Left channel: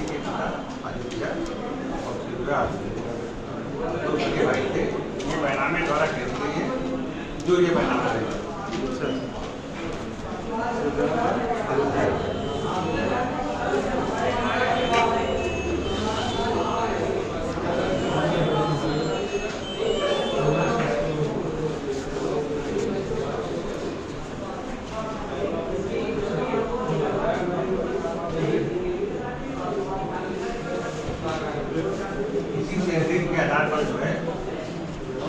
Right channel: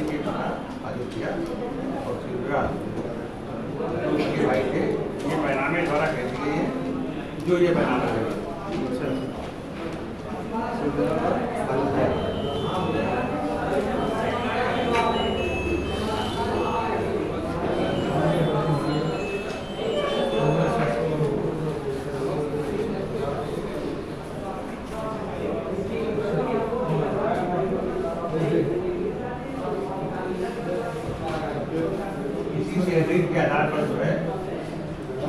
पार्वती के पिता अयोध्या और शिवराज जो उनके भाई थे, ये बैनामे द्वारा खरीद गई है, जो ये बैनामा है के आधार पर जो है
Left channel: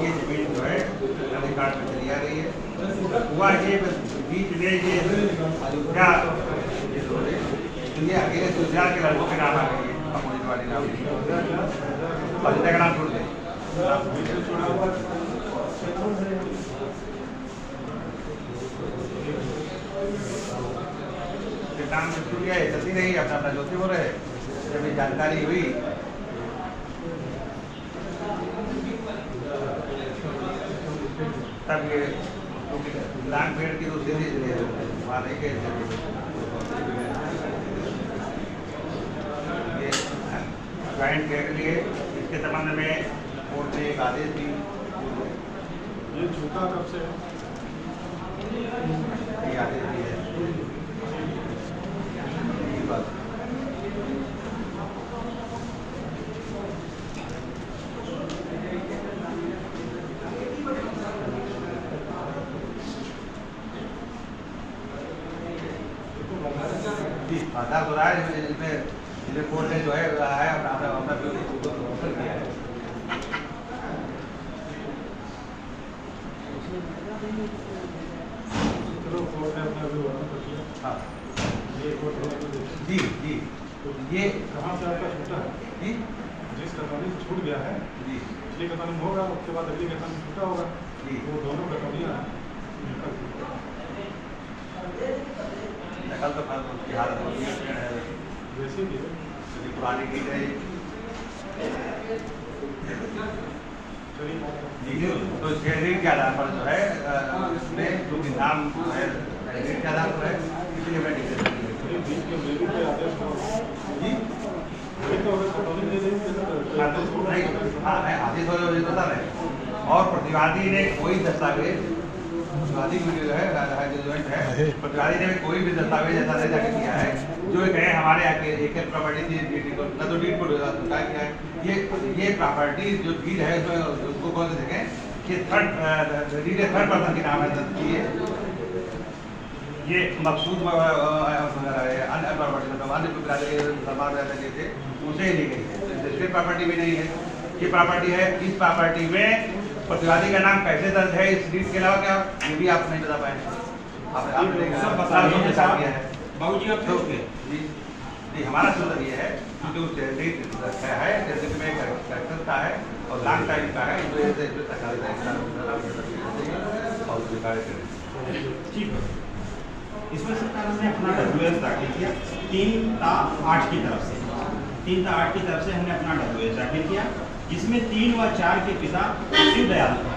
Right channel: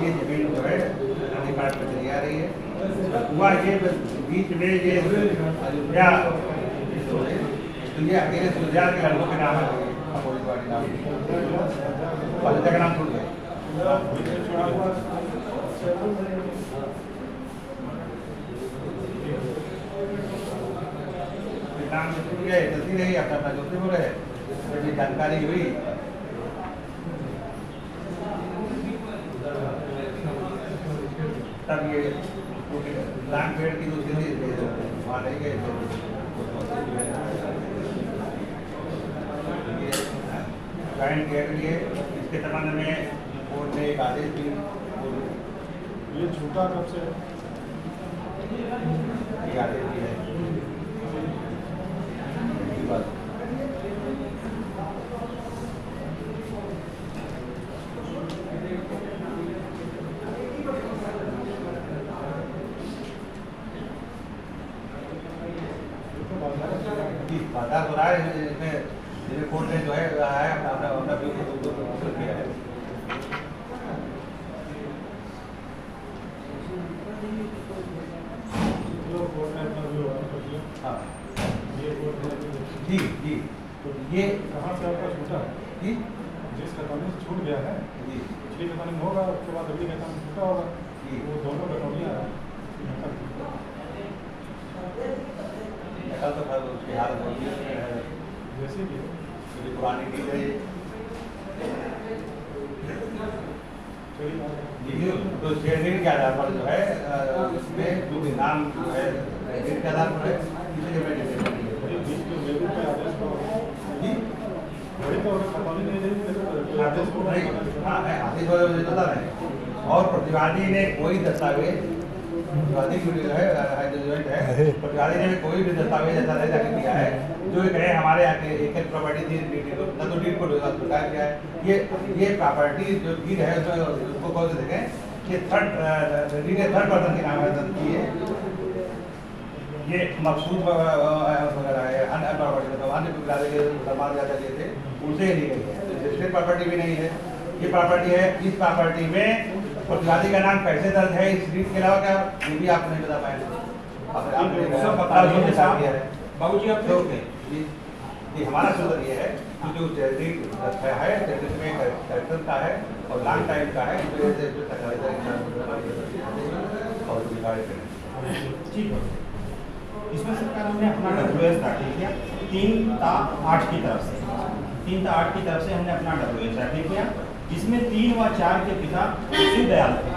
ये जमीन जो है अधिकार पर चली आ रही है। हुआ ये बीच में ये अयोध्या तो ये अकेले सुरजा के लड़कों के नाम आ गई है, अपोजिट वाले नाम अयोध्या का नाम छोड़ गए। नाम छूट गया, चलती रही अपना अपना जोती हो रहे, जानकारी हुई तब ये लैंड पेड़ की तो वहाँ रह गए थे। ये लैंड पेड़ के लिए इसके संबंध में कोर्ट ने एक आदेश दी। ये झूठा कब से ये आदेश दी है बाजार हो रहा है, इसमें कोर्ट ने जो है अपना किया है। हाँ जी जी, तो ये कहाँ से आपका छूटा है जी, जिस कटौनी से छूट गया है जी पिछली कटौनी में होगा, उसके बाद अगली कटौनी छूटा होगा जी, वो दोनों कटौनियाँ कल तो बिहार जैसे कि पुरानी की गई तो शेयरिंग के आधार पर जो है इसमें जो नाम है के आधार पर है, इसलिए मैं हाँ है आदेश हो जाता है। और प्रतिवादी ने कोई दस्तावेज, प्रतिवादी जो है प्रतिवादी ने कोई भी दस्तावेज ऐसा नहीं दाखिल किया है जो कहे हमारे यहाँ की एक प्रॉपर्टी थी, न तो डीड को स्वीकार किया है। ये प्रॉपर्टी जो डीड है उसको कौन से देखें, ये थर्ड पर्सन के नाम है की है, ये मकसूद वगैरह है, अन्य प्रॉपर्टी मुसलमान वगैरह लिए थे उसे ली गई है, इसकी प्रॉपर्टी भी नहीं है। ये प्रॉपर्टी है, इस प्रॉपर्टी में प्रतिवादी का नाम कैसे दर्ज है इस डीड के अलावा क्या, ये भी आप नहीं बता पाएंगे। बाबूजी आप जी हमारा सूत्र ये है कि जो डीड है जिसमें करेक्शन का है और लॉन्ग टाइम का है, इसमें सरकार हमने अपना WS दाखिल किया 3/8 की तरफ से, 3/8 की तरफ से हमने अपना WS दाखिल किया, जिसमें 3 व 4 के पिता शिवदयाल थे,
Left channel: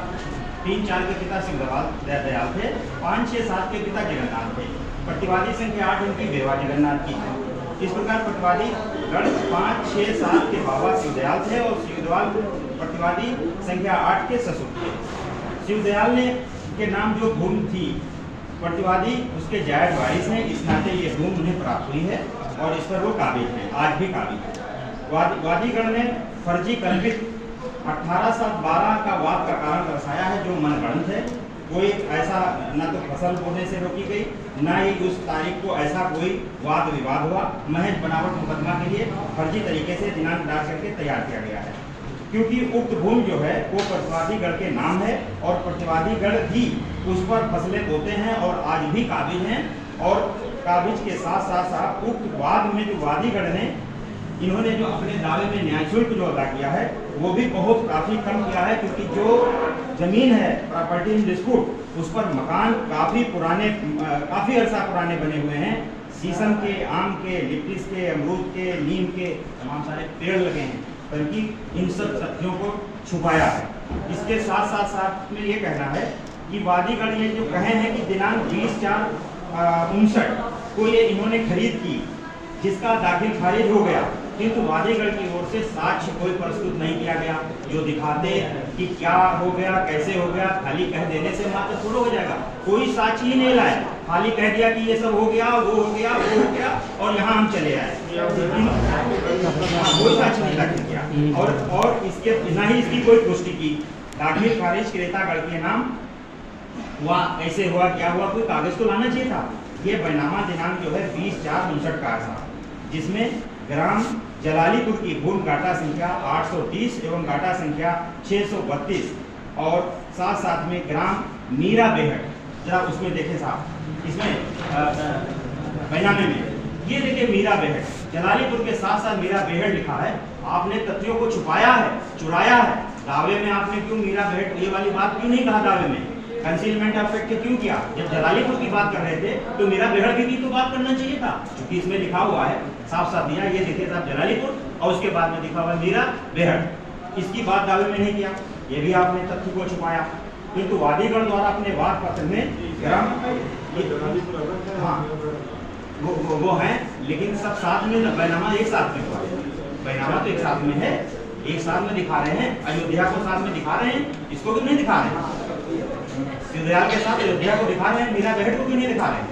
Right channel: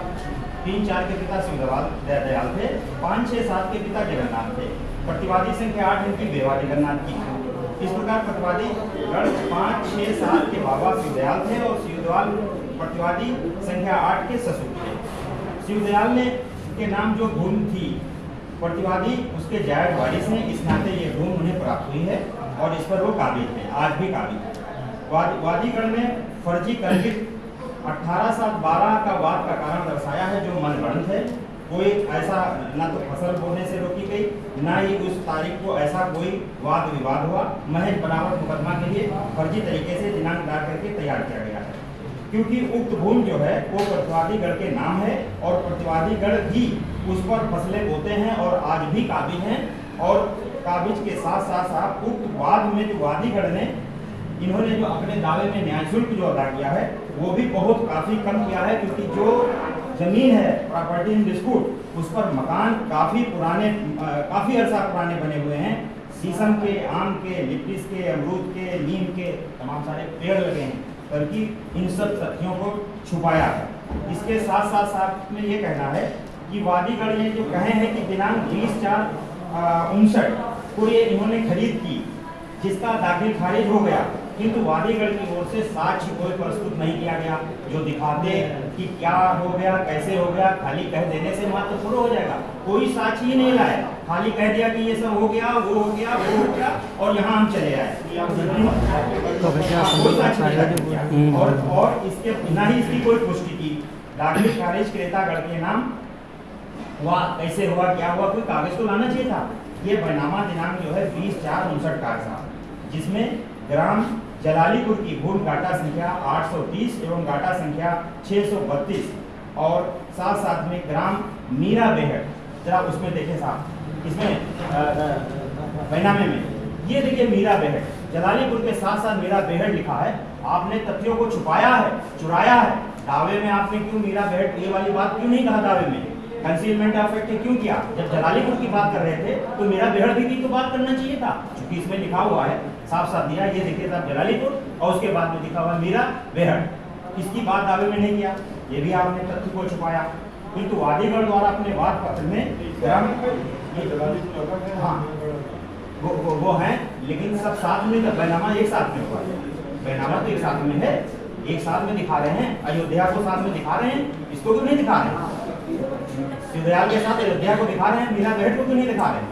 3-4 के पिता शिवदयाल थे, 5, 6, 7 के पिता जगन्नाथ थे। प्रतिवादी संख्या 8 उनकी बेवा जगन्नाथ की थी। इस प्रकार प्रतिवादी गण 5, 6, 7 के बाबा शिवदयाल थे और शिवदयाल प्रतिवादी संख्या 8 के ससुर थे। शिवदयाल ने के नाम जो भूमि थी प्रतिवादी उसके जायज वारिस हैं, इस नाते ये भूमि उन्हें प्राप्त हुई है और इस पर वो काबिज हैं, आज भी काबिज है। वादीगण ने फर्जी कल्पित 18/7/12 का वाद का कारण दर्शाया है जो मनगढ़ंत है। कोई ऐसा न तो फसल बोने से रोकी गई, न ही उस तारीख को ऐसा कोई वाद विवाद हुआ, महज बनावट मुकदमा के लिए फर्जी तरीके से दिनांक डाल करके तैयार किया गया है। क्योंकि उक्त भूमि जो है वो प्रतिवादी गण के नाम है और प्रतिवादी गण ही उस पर फसलें बोते हैं और आज भी काबिज हैं। और काबिज के साथ साथ उक्त वाद में जो वादीगण ने इन्होंने जो अपने दावे में न्याय शुल्क जो अदा किया है वो भी बहुत काफ़ी कम किया है, क्योंकि जो जमीन है प्रॉपर्टी इन डिस्प्यूट उस पर मकान काफ़ी अरसा पुराने बने हुए हैं। शीशम के, आम के, लिप्टिस के, अमरूद के, नीम के तमाम सारे पेड़ लगे हैं, बल्कि इन सब तथ्यों को छुपाया है। इसके साथ साथ में ये कहना है कि वादीगण ये जो कहे हैं कि दिनांक 20/4/59 को ये इन्होंने खरीद की, जिसका दाखिल खारिज हो गया किंतु वादीगढ़ की ओर से साक्ष्य कोई प्रस्तुत नहीं किया गया जो दिखाते कि क्या हो गया, कैसे हो गया। खाली कह देने से मात्र पूरा हो जाएगा, कोई साक्ष्य ही नहीं लाए, खाली कह दिया कि ये सब हो गया, वो हो गया, वो हो गया और यहाँ हम चले आए। कोई साक्ष्य नहीं दाखिल किया और इसके ना ही इसकी कोई पुष्टि की। दाखिल खारिज क्रेतागढ़ के नाम हुआ, कैसे हुआ, क्या हुआ, कोई कागज तो लाना चाहिए था। ये बैनामा दिनांक जो है 20/4/59 का था, जिसमें ग्राम जलालीपुर की भूमि गाटा संख्या 830 एवं गाटा संख्या 632 और साथ साथ में ग्राम मीरा बेहट, जरा उसमें देखें साहब, इसमें बैनामे में ये देखिए मीरा बेहट, जलालीपुर के साथ साथ मीरा बेहट लिखा है। आपने तथ्यों को छुपाया है, चुराया है। दावे में आपने क्यों मीरा बेहट ये वाली बात क्यों नहीं कहा, दावे में कंसीलमेंट ऑफ फैक्ट क्यों किया? जब जलालीपुर की बात कर रहे थे तो मीरा बेहट की तो बात करना चाहिए था, क्योंकि इसमें लिखा हुआ है, साफ साफ दिया, ये देखिए साहब जलालीपुर और उसके बाद में लिखा हुआ मीरा बेहट। इसकी बात दावे में नहीं किया, ये भी आपने तथ्य को छुपाया। किंतु वादीगढ़ द्वारा अपने वाद पत्र में ग्राम हाँ वो है, लेकिन सब साथ में बैनामा एक साथ में हुआ है, बैनामा तो एक साथ में है, एक साथ में दिखा रहे हैं, अयोध्या को साथ में दिखा रहे हैं, इसको भी नहीं दिखा रहे हैं, सिद्धयाल के साथ अयोध्या को दिखा रहे हैं, मीरा बेहट को भी नहीं दिखा रहे हैं।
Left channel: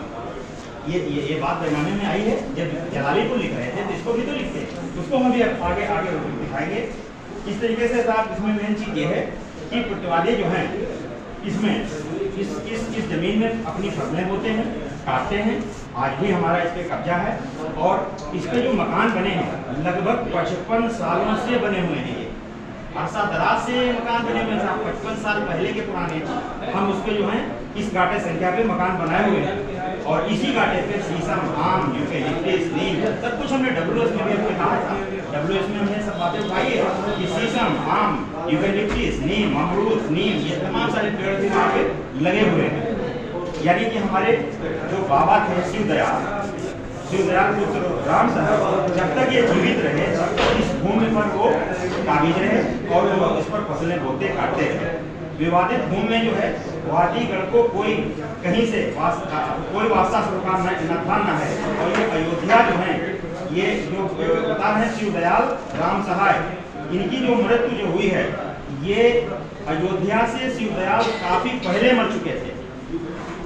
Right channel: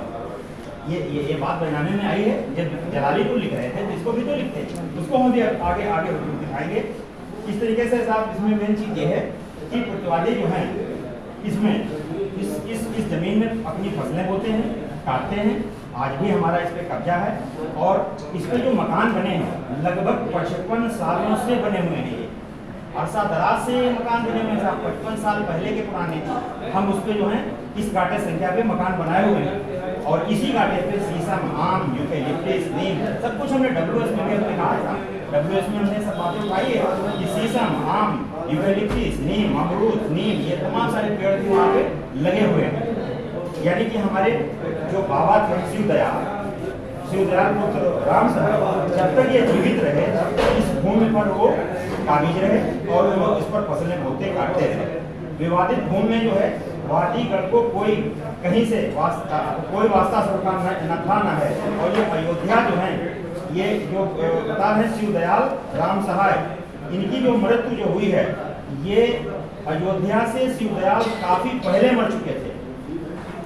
ये बात बैनामे में आई है। जब जलालीपुर लिख रहे थे तो इसको भी तो लिखते, उसको हम भी आगे आगे दिखाएंगे। इस तरीके से साहब इसमें मेन चीज ये है कि प्रतिवादी जो हैं इसमें इस जमीन में अपनी फसलें बोते हैं, काटते हैं। आज भी हमारा इस पे कब्जा है और इस पे जो मकान बने हैं लगभग 55 सालों से बने हुए हैं। ये अरसा दराज से मकान बने हुए हैं, 55 साल पहले के पुराने। हम उस पे जो है इस गाटे संख्या पे मकान बनाए हुए हैं और इसी गाटे पे शीशम, आम, यूकेलिप्टस, नीम सब कुछ हमने WS में भी हमने कहा था, WS में हमने सब बातें पाई है कि शीशम, आम, यूकेलिप्टस, नीम, अमरूद, नीम ये तमाम सारे पेड़ भी वहाँ पे लगे हुए हैं। यानी कि हमारे जो बाबा थे शिवदयाल पुत्र राम साहब जब तक ये जीवित रहे इस भूमि पर वो काबिज रहे और इस पर फसलें बोते काटते रहे। विवादित भूमि में जो है वादीगढ़ को कोई कहीं से कोई वास्ता सरकार न था न है। और ये अयोध्या जो है ये जो बता रहे हैं शिवदयाल राम सहाय, इनकी जो मृत्यु जो हुई है ये अयोध्या से शिवदयाल काफी पहले मर चुके थे।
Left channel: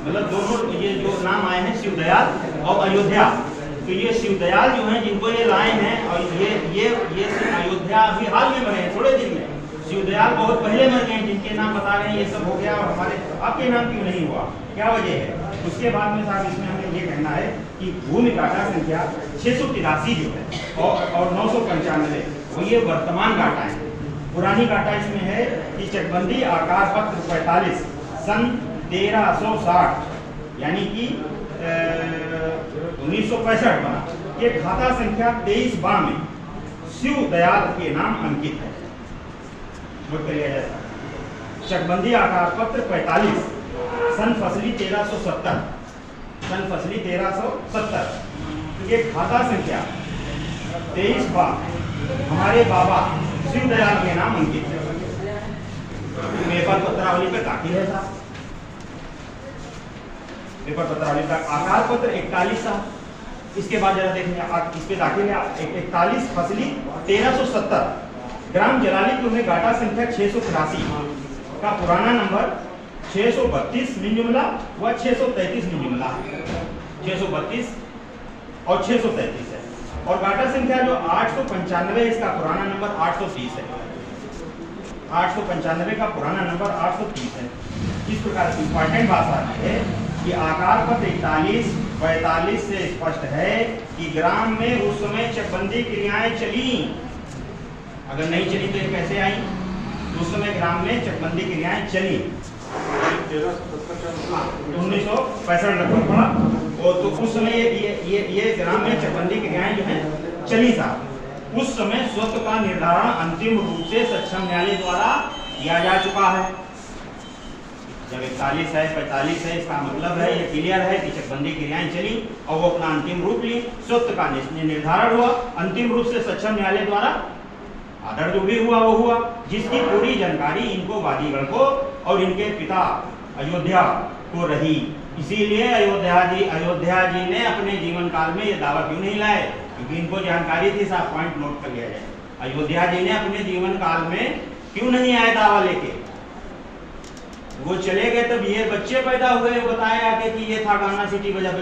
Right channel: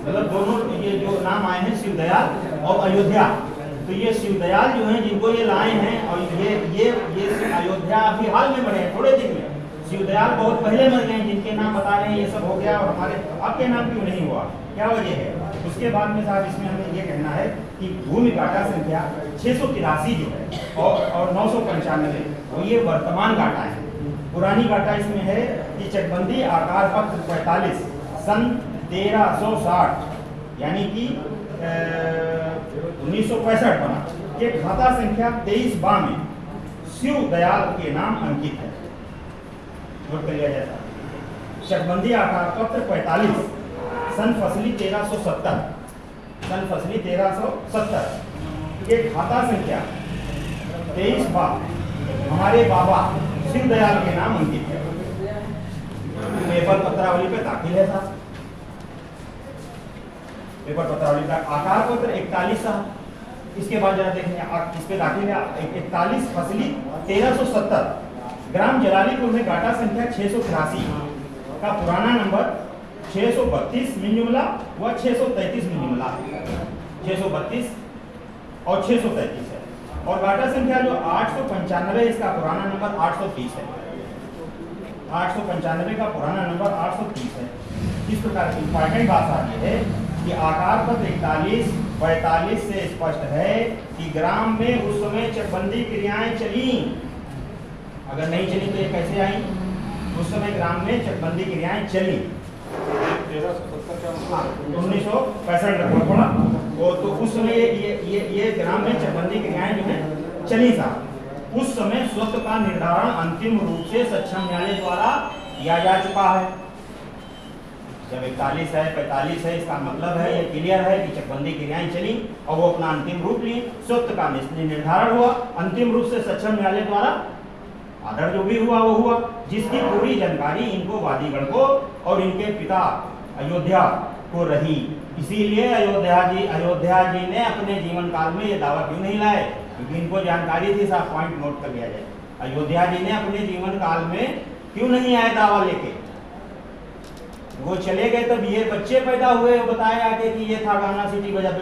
मतलब दोनों ये जो नाम आए हैं शिवदयाल और अयोध्या, तो ये शिवदयाल जो हैं जिनको ये लाए हैं और ये अयोध्या अभी हाल में मरे हैं, थोड़े दिन में। शिवदयाल बहुत पहले मर गए, जिनके नाम बता रहे हैं ये सब हो गया और हमारे आपके नाम क्यों नहीं हुआ, क्या वजह है? उसके बाद में साहब इसमें हमें ये कहना है कि भूमि गाटा संख्या 683 जो है और 995 वो ये वर्तमान गाटा है। पुरानी गाटा इसमें है कि चकबंदी आकार पत्र 45 सन 1360 यानी कि 1965 बना, ये खाता संख्या 23/2 में शिवदयाल के नाम अंकित है। नोट कर लिया जाए। चकबंदी आकार पत्र 45 सन फसली 1370 ये खाता संख्या 23/2 हमारे बाबा शिवदयाल के नाम अंकित है। पेपर पत्रावली पे दाखिल है साहब, पेपर पत्रावली का आकार पत्र 41 साहब। इसके बाद जरा देखें इस पे दाखिल है 41 फसली 1370 ग्राम जलालीपुर में गाटा संख्या 683 का पुराना नंबर 632 मिन जुमला व 633 मिन जुमला, 632 और 633 है। और गाटा संख्या जो 895 इसका पुराना नंबर 830 है, 895 का पुराना नंबर 830 है। इस प्रकार इंपॉर्टेंट बात आती है कि आकार पत्र 41-42 से स्पष्ट है कि ग्राम में उस समय चकबंदी क्रियाएं चली। अगर नहीं चली तो ये कैसे आई? उस समय ग्राम में चकबंदी क्रियाएं चली। 1965 लगभग पड़ा वो, तो उस समय ये ग्राम में चकबंदी क्रियाएं जो है चली साहब। उस समय स्वत्व का निर्धारण अंतिम रूप से सक्षम न्यायालय द्वारा किया जा चुका है। जब 41 है 45 है इसका मतलब है ये क्लियर है कि चकबंदी क्रियाएं चली और वो अपना अंतिम रूप ली, स्वत्व का निर्धारण हुआ अंतिम रूप से सक्षम न्यायालय द्वारा। आदर जो भी हुआ वो हुआ, जिसकी पूरी जानकारी इनको वादीगढ़ को और इनके पिता अयोध्या को रही। इसीलिए अयोध्या जी ने अपने जीवन काल में ये दावा क्यों नहीं लाए क्योंकि इनको जानकारी थी, साहब पॉइंट नोट कर लिया जाए। अयोध्या जी ने अपने जीवन काल में क्यों नहीं आए दावा लेके? वो चले गए तब ये बच्चे पैदा हुए, बताया कि ये था गाना सिटी बजा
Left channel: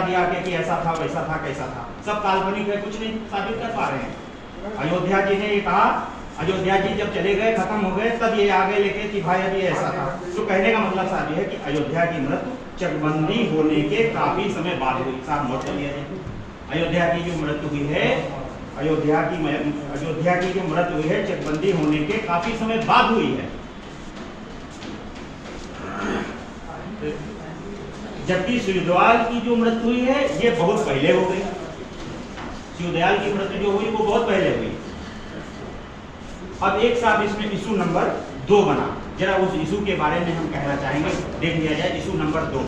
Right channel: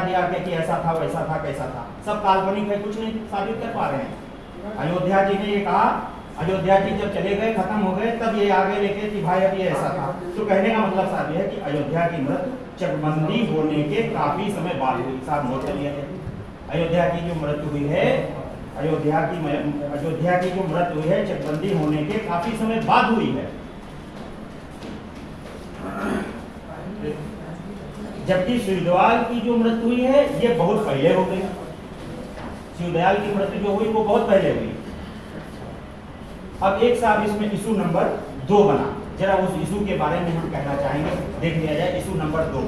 दिया कि ऐसा था वैसा था कैसा था, सब काल्पनिक है, कुछ नहीं साबित कर पा रहे हैं। अयोध्या जी ने ये कहा, अयोध्या जी जब चले गए खत्म हो गए तब ये आगे लेके कि भाई अभी ऐसा था। तो कहने का मतलब साहब ये है कि अयोध्या की मृत्यु चकबंदी होने के काफी समय बाद हुई। साहब नोट कर लिया जाए, अयोध्या की जो मृत्यु हुई है, अयोध्या की जो मृत्यु हुई है चकबंदी होने के काफी समय बाद हुई है। जबकि शिवदयाल की जो मृत्यु हुई है ये बहुत पहले हो गई। शिवदयाल की मृत्यु जो हुई वो बहुत पहले हुई। अब एक साहब इसमें इशू नंबर 2 बना, जरा उस इशू के बारे में हम कहना चाहेंगे, देख लिया जाए। इशू नंबर 2,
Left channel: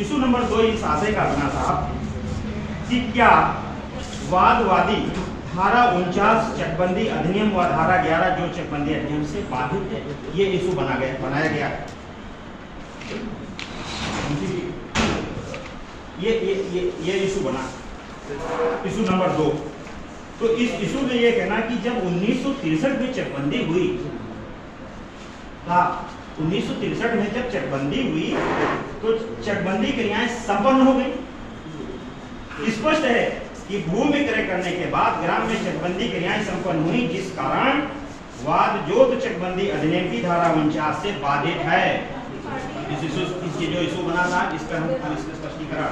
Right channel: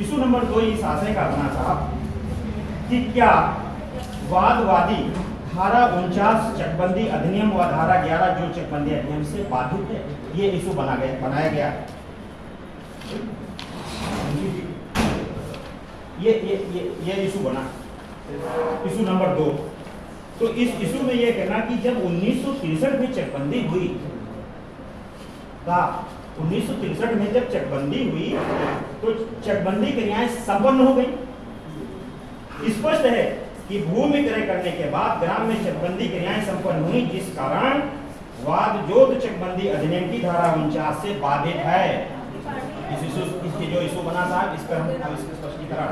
इशू नंबर 2 इस आशय का बना साहब कि क्या वादवादी धारा 49 चकबंदी अधिनियम व धारा 11 जो चकबंदी अधिनियम से बाधित है, ये इशू बनाया गया। ये इशू बना, इशू नंबर 2। तो इस इशू में ये कहना कि जब 1963 में चकबंदी हुई, 1963 में जब चकबंदी हुई तो चकबंदी क्रियाएं संपन्न हो गई। स्पष्ट है कि भूमि क्रय करने के बाद ग्राम में चकबंदी क्रियाएं संपन्न हुई, जिस कारण वादजोत चकबंदी अधिनियम की धारा 49 से बाधित है। इसके जो इशू बना था इस पर हम इसका स्पष्टीकरण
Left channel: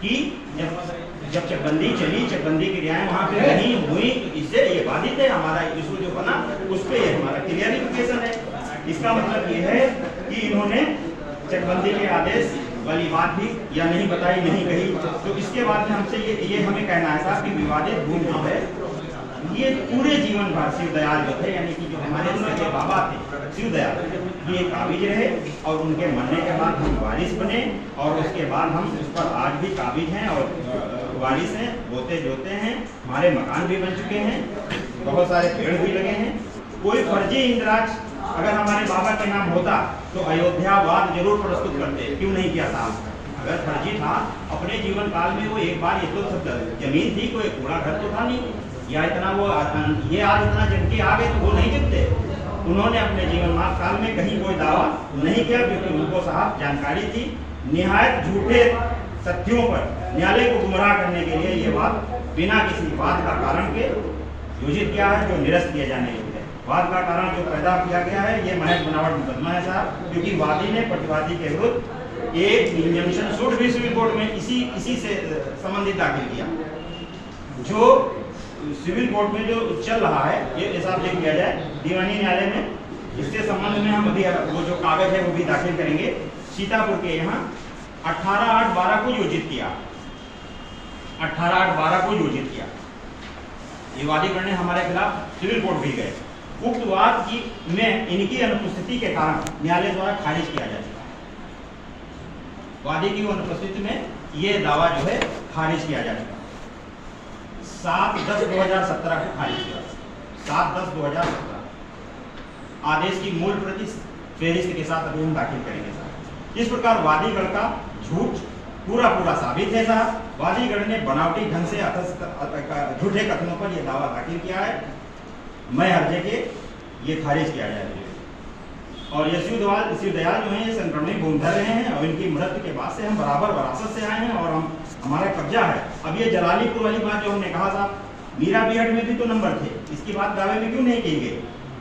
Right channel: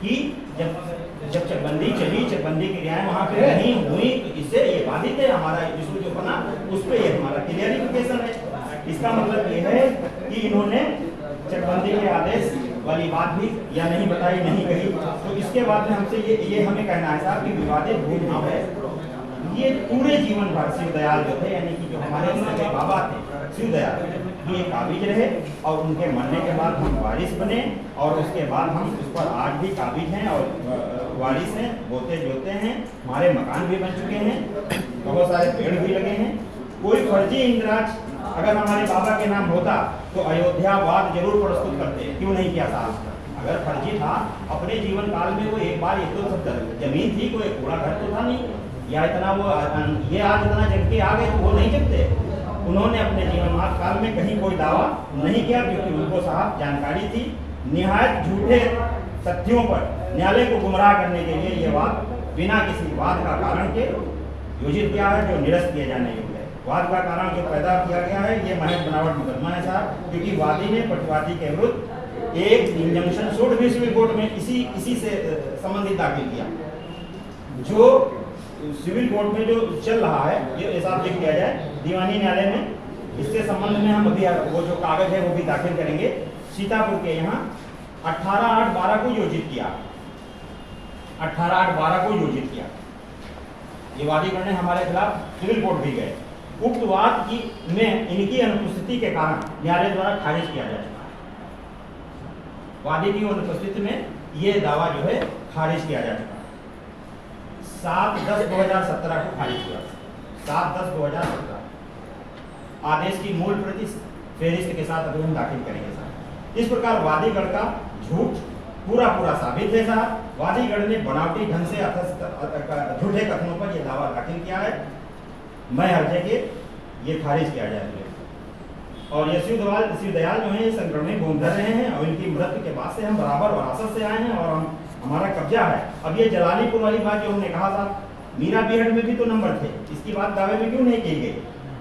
कि जब चकबंदी चली, चकबंदी क्रियाएं वहां पे नहीं हुई, तो इससे ये बाधित है। हमारा इशू जो बना उस पे ये हमारा क्लियरिफिकेशन है। इसका मतलब ये है कि इन्होंने चकबंदी के आदेश वाली बात भी या नहीं बताई, नहीं कही। तो इसके बाद में हमसे ये हमें कहना है साहब कि विवादित भूमि जो है ये पूरे जीवन भर शिवदयाल जो थे, यानी कि जो हमारे सगे बाबा थे शिवदयाल, ये काबिज रहे और उनके मरने के बाद हम वारिस बने और उसके बाद हम उस पर आज भी काबिज हैं और वारिस हैं, बोते जोते हैं। हमारे मकान भी बन चुके हैं, बहुत सारे पेड़ भी लगे हैं। कोई फर्जी इंद्राज अगर हमारे बाबा के नाम होता तो अयोध्या वाद जरूर प्रस्तुत करते, क्यों नहीं किया साहब? अगर फर्जी था अपने जीवन काल में वो एक बार ये तो जमीन थी, कोई कूड़ा घर तो था नहीं, या इतना वो ये आज इतना जम के आ गए तो वो नहीं जमते। उन्होंने अपने जीवन काल में कहीं कोई दावा नहीं किया, क्योंकि उनको साहब जानकारी थी। निहायत झूठे तथ्यों पर न्यायालय को गुमराह करने के लिए ये वाद बिना किसी वाद का कारण के योजित किया है, जो निरस्त किया जाने योग्य है। वाद का कारण जो पैदा किया गया है ये महज बनावट मुकदमा है साहब, क्योंकि वादी ने प्रतिवादी के विरुद्ध एक इंजंक्शन सूट भी सिविल कोर्ट में इसी से संबंधित दाखिल किया। जो सिविल कोर्ट में जो चल रहा है ये हिसाब देख लिया जाए दीवानी न्यायालय में। इसके संबंध में हम अभी वो जो कागज है वो भी दाखिल करेंगे। सीतापुर के यहाँ 18/8/12 को योजित किया, 18/8/12 को योजित किया। ये वादी करने हमारे खिलाफ सिविल कोर्ट भी गए। उक्त वाद की में इनकी अनुपस्थिति के कारण न्यायालय द्वारा खारिज किया जा चुका है। वादी की अनुपस्थिति में ये दावा जो है खारिज किया जा चुका है। 7/10/2017 को खारिज किया, 7/10/2017। आदेश की मूल प्रति फेरिस्त के साथ अभी हम दाखिल करेंगे साहब। इस प्रकार वादीगढ़ का झूठ पूरा साबित है साहब। वादीगढ़ ने बनावटी ढंग से झूठे कथनों पर यह दावा दाखिल किया है। मैं हर्जे के ये खारिज किया जाएगा। और ये शिवदयाल जो है ये संक्रमणित भूमिधर रहे हैं और इनकी मृत्यु के बाद से हम बराबर विरासत से आए हैं और हमारा कब्जा है। अब ये जलालीपुर वाली बात जो हमने कहा साहब, मीरा बिहट में भी तो नंबर थे, इसकी बात दावे में क्यों नहीं की गई?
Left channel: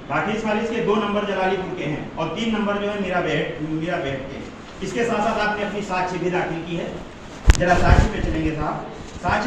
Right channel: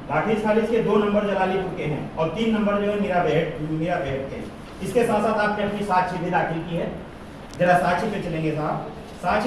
दाखिल खारिज के 2 नंबर जलालीपुर के हैं और 3 नंबर जो है मीरा बिहट के हैं। इसके साथ साथ आपने अपनी साक्ष्य भी दाखिल की है, जरा साक्ष्य पे चलेंगे साहब। साक्ष्य